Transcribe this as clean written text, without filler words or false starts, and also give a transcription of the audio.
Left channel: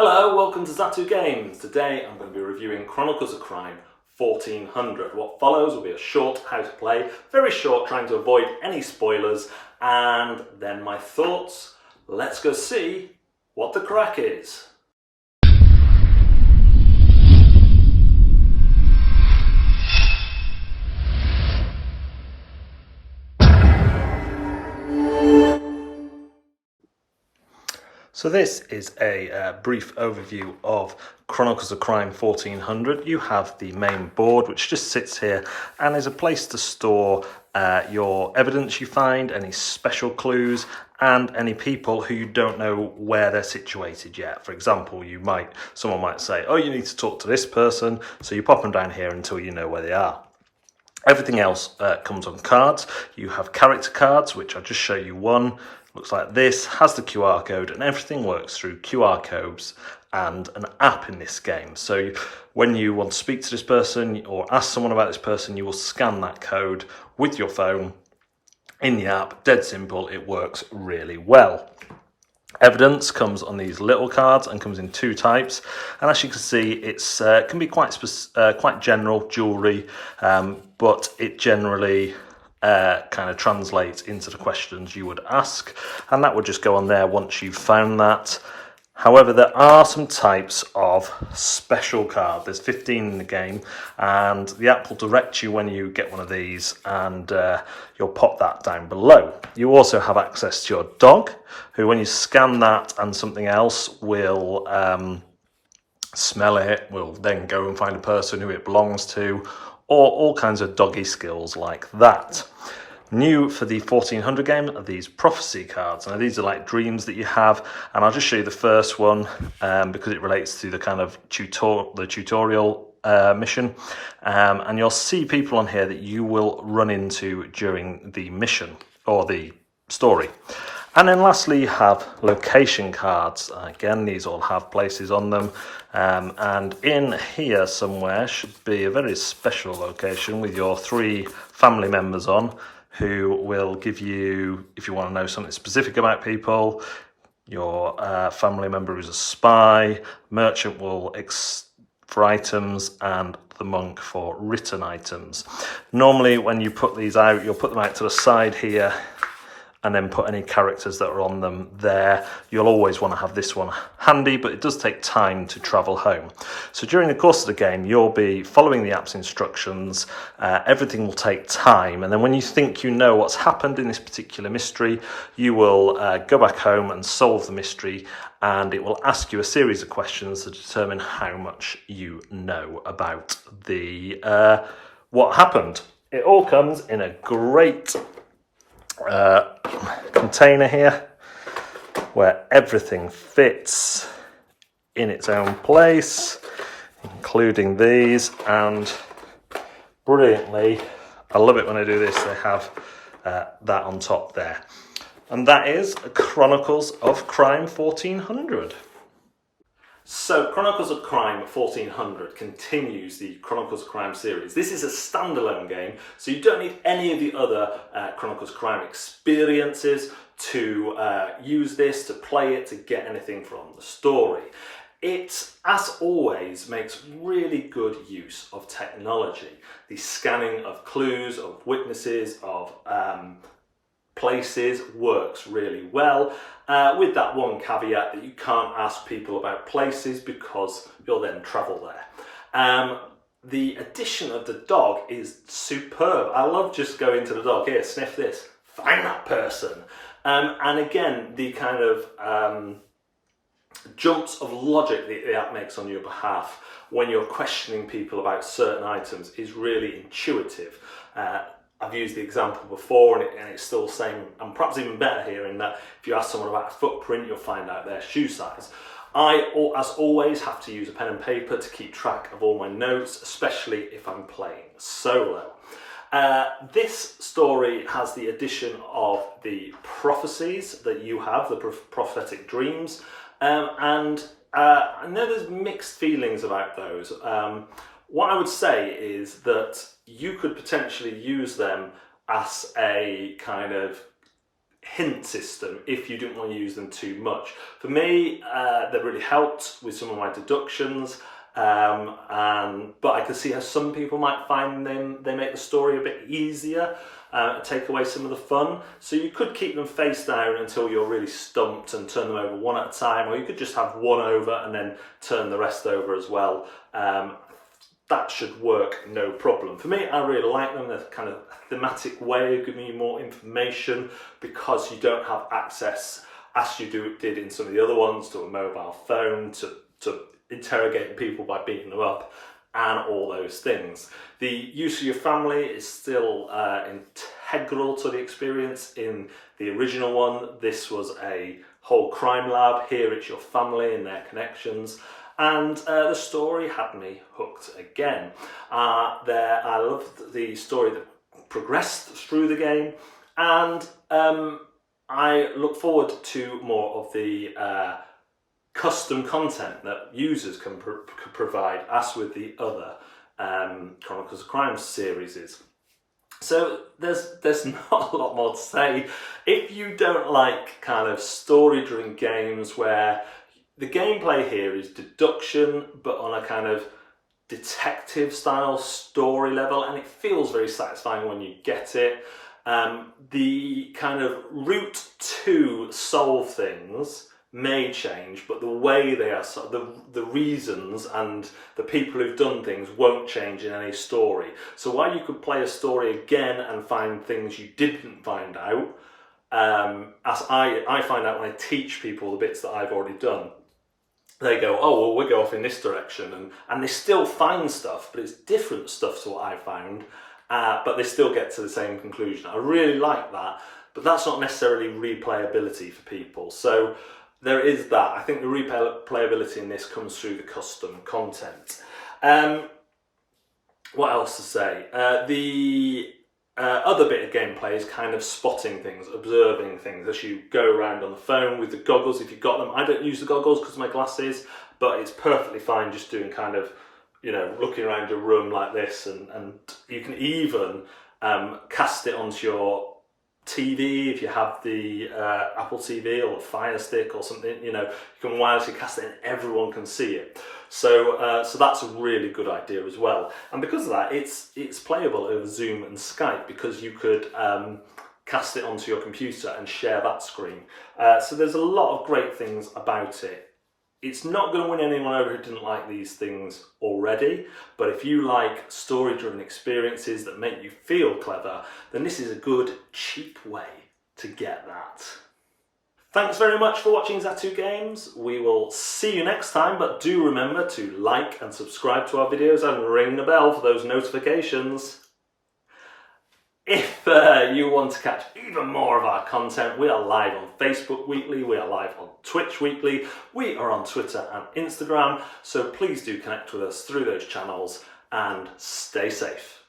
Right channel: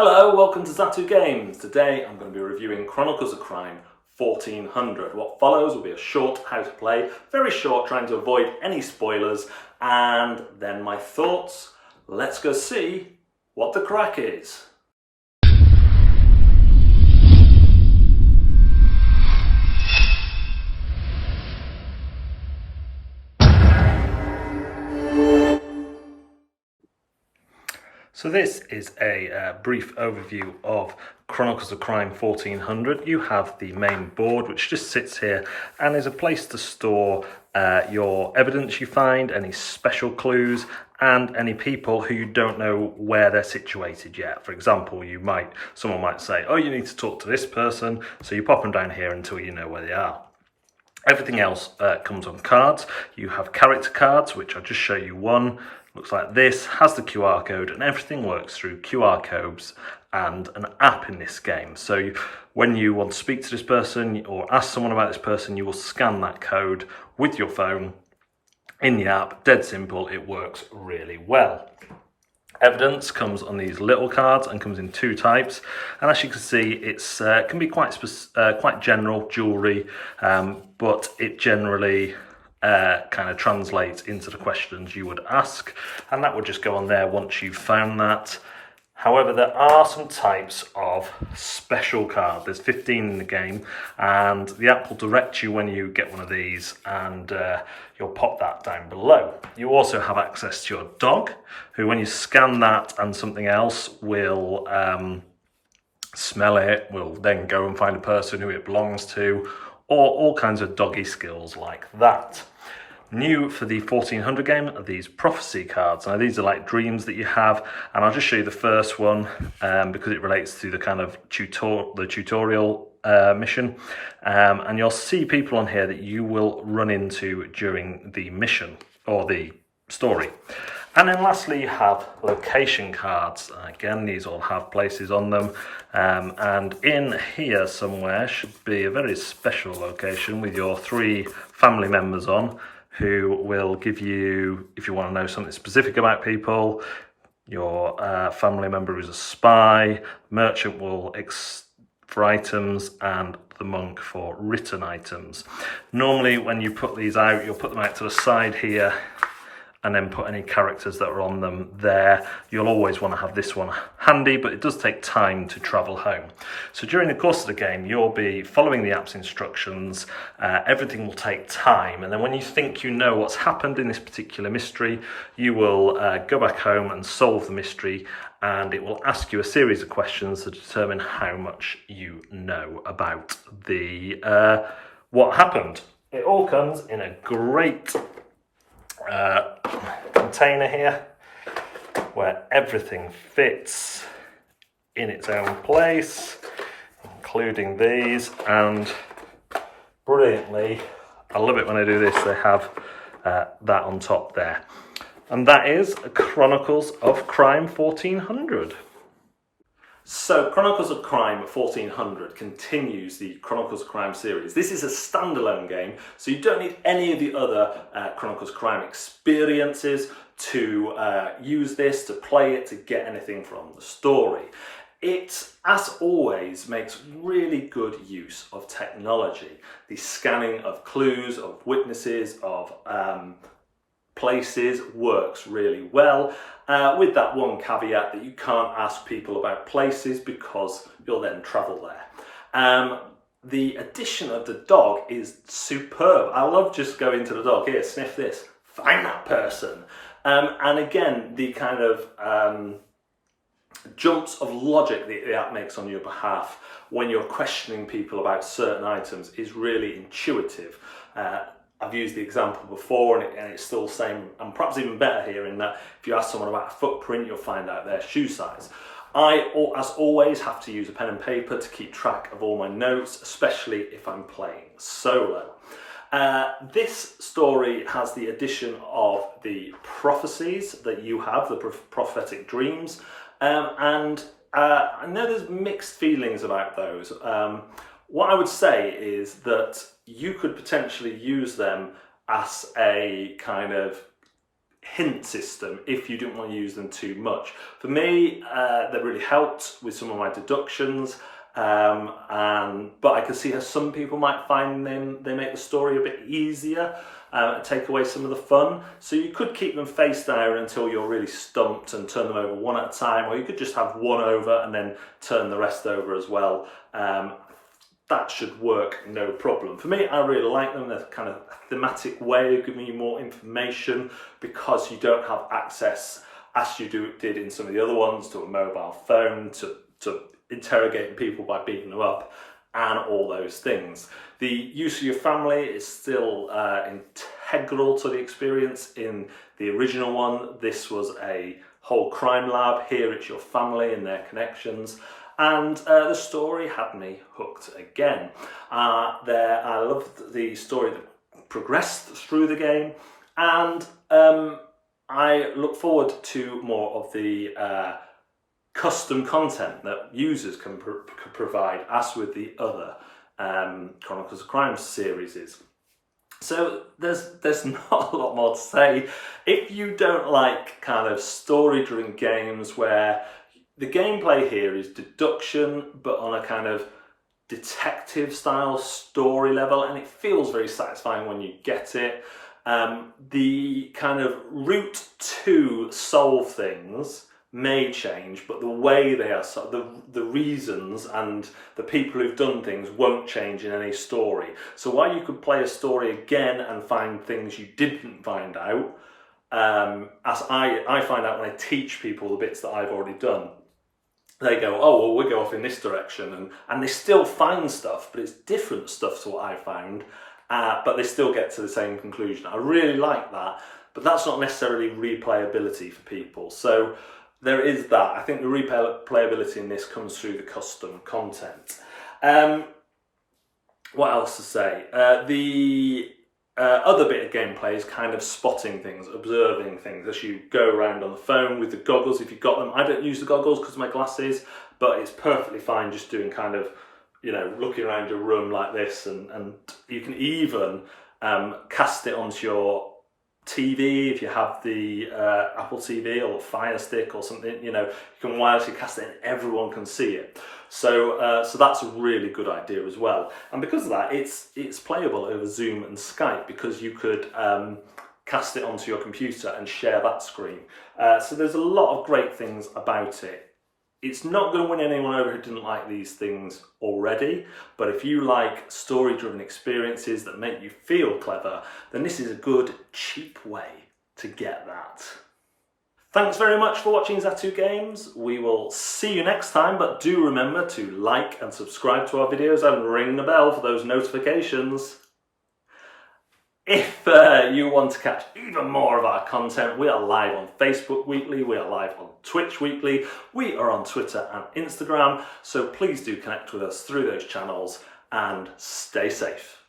Hello, welcome to Zatu Games. Today I'm going to be reviewing Chronicles of Crime 1400. What follows will be a short how to play, very short, trying to avoid any spoilers, and then my thoughts. Let's go see what the crack is. So this is a brief overview of Chronicles of Crime 1400. You have the main board, which just sits here and is a place to store your evidence you find, any special clues, and any people who you don't know where they're situated yet. For example, someone might say, oh, you need to talk to this person, so you pop them down here until you know where they are. Everything else comes on cards. You have character cards, which I'll just show you one. Looks like this, has the QR code, and everything works through QR codes and an app in this game. So when you want to speak to this person or ask someone about this person, you will scan that code with your phone in the app. Dead simple, it works really well. Evidence comes on these little cards and comes in two types, and as you can see, it's can be quite general jewellery, but it generally kind of translates into the questions you would ask, and that would just go on there once you've found that. However, there are some types of special card. There's 15 in the game, and the app will direct you when you get one of these, and you'll pop that down below. You also have access to your dog, who when you scan that and something else will smell it, will then go and find a person who it belongs to, or all kinds of doggy skills like that. New for the 1400 game are these prophecy cards. Now these are like dreams that you have, and I'll just show you the first one because it relates to the kind of tutorial mission, and you'll see people on here that you will run into during the mission or the story. And then lastly, you have location cards. Again, these all have places on them. And in here somewhere should be a very special location with your 3 family members on, who will give you, if you want to know something specific about people, your family member is a spy, merchant will for items, and the monk for written items. Normally when you put these out, you'll put them out to the side here, and then put any characters that are on them there. You'll always want to have this one handy, but it does take time to travel home. So during the course of the game, you'll be following the app's instructions. Everything will take time, and then when you think you know what's happened in this particular mystery, you will go back home and solve the mystery, and it will ask you a series of questions to determine how much you know about the what happened. It all comes in a great container here where everything fits in its own place, including these, and brilliantly, I love it when I do this, they have that on top there. And that is Chronicles of Crime 1400. So Chronicles of Crime 1400 continues the Chronicles of Crime series. This is a standalone game, so you don't need any of the other Chronicles of Crime experiences to use this, to play it, to get anything from the story. It, as always, makes really good use of technology. The scanning of clues, of witnesses, of places works really well, with that one caveat that you can't ask people about places because you'll then travel there. The addition of the dog is superb. I love just going to the dog, here, sniff this, find that person. And again, the kind of jumps of logic that the app makes on your behalf when you're questioning people about certain items is really intuitive. I've used the example before, and it's still the same, and perhaps even better here, in that if you ask someone about a footprint, you'll find out their shoe size. I, as always, have to use a pen and paper to keep track of all my notes, especially if I'm playing solo. This story has the addition of the prophecies that you have, the prophetic dreams, and I know there's mixed feelings about those. What I would say is that you could potentially use them as a kind of hint system if you didn't want to use them too much. For me, they really helped with some of my deductions, but I can see how some people might find they make the story a bit easier, take away some of the fun. So you could keep them face down until you're really stumped and turn them over one at a time, or you could just have one over and then turn the rest over as well. That should work no problem. For me, I really like them. They're kind of a thematic way of giving you more information because you don't have access, as you did in some of the other ones, to a mobile phone, to interrogating people by beating them up, and all those things. The use of your family is still integral to the experience. In the original one, this was a whole crime lab. Here it's your family and their connections. And the story had me hooked again. I loved the story that progressed through the game, and I look forward to more of the custom content that users can provide, as with the other Chronicles of Crime series. So there's not a lot more to say. If you don't like kind of story-driven games where the gameplay here is deduction, but on a kind of detective style story level, and it feels very satisfying when you get it. The kind of route to solve things may change, but the way they are, the reasons and the people who've done things won't change in any story. So while you could play a story again and find things you didn't find out, as I find out when I teach people the bits that I've already done, they go, oh, well, we'll go off in this direction, and they still find stuff, but it's different stuff to what I found, but they still get to the same conclusion. I really like that, but that's not necessarily replayability for people. So there is that. I think the replayability in this comes through the custom content. What else to say? The other bit of gameplay is kind of spotting things, observing things as you go around on the phone with the goggles if you've got them. I don't use the goggles because of my glasses, but it's perfectly fine just doing kind of, you know, looking around your room like this, and you can even cast it onto your TV if you have the Apple TV or a Fire Stick or something. You know, you can wirelessly cast it and everyone can see it. So that's a really good idea as well. And because of that, it's playable over Zoom and Skype, because you could cast it onto your computer and share that screen. So there's a lot of great things about it. It's not going to win anyone over who didn't like these things already, but if you like story-driven experiences that make you feel clever, then this is a good, cheap way to get that. Thanks very much for watching Zatu Games. We will see you next time, but do remember to like and subscribe to our videos and ring the bell for those notifications. If you want to catch even more of our content, we are live on Facebook weekly, we are live on Twitch weekly, we are on Twitter and Instagram, so please do connect with us through those channels and stay safe.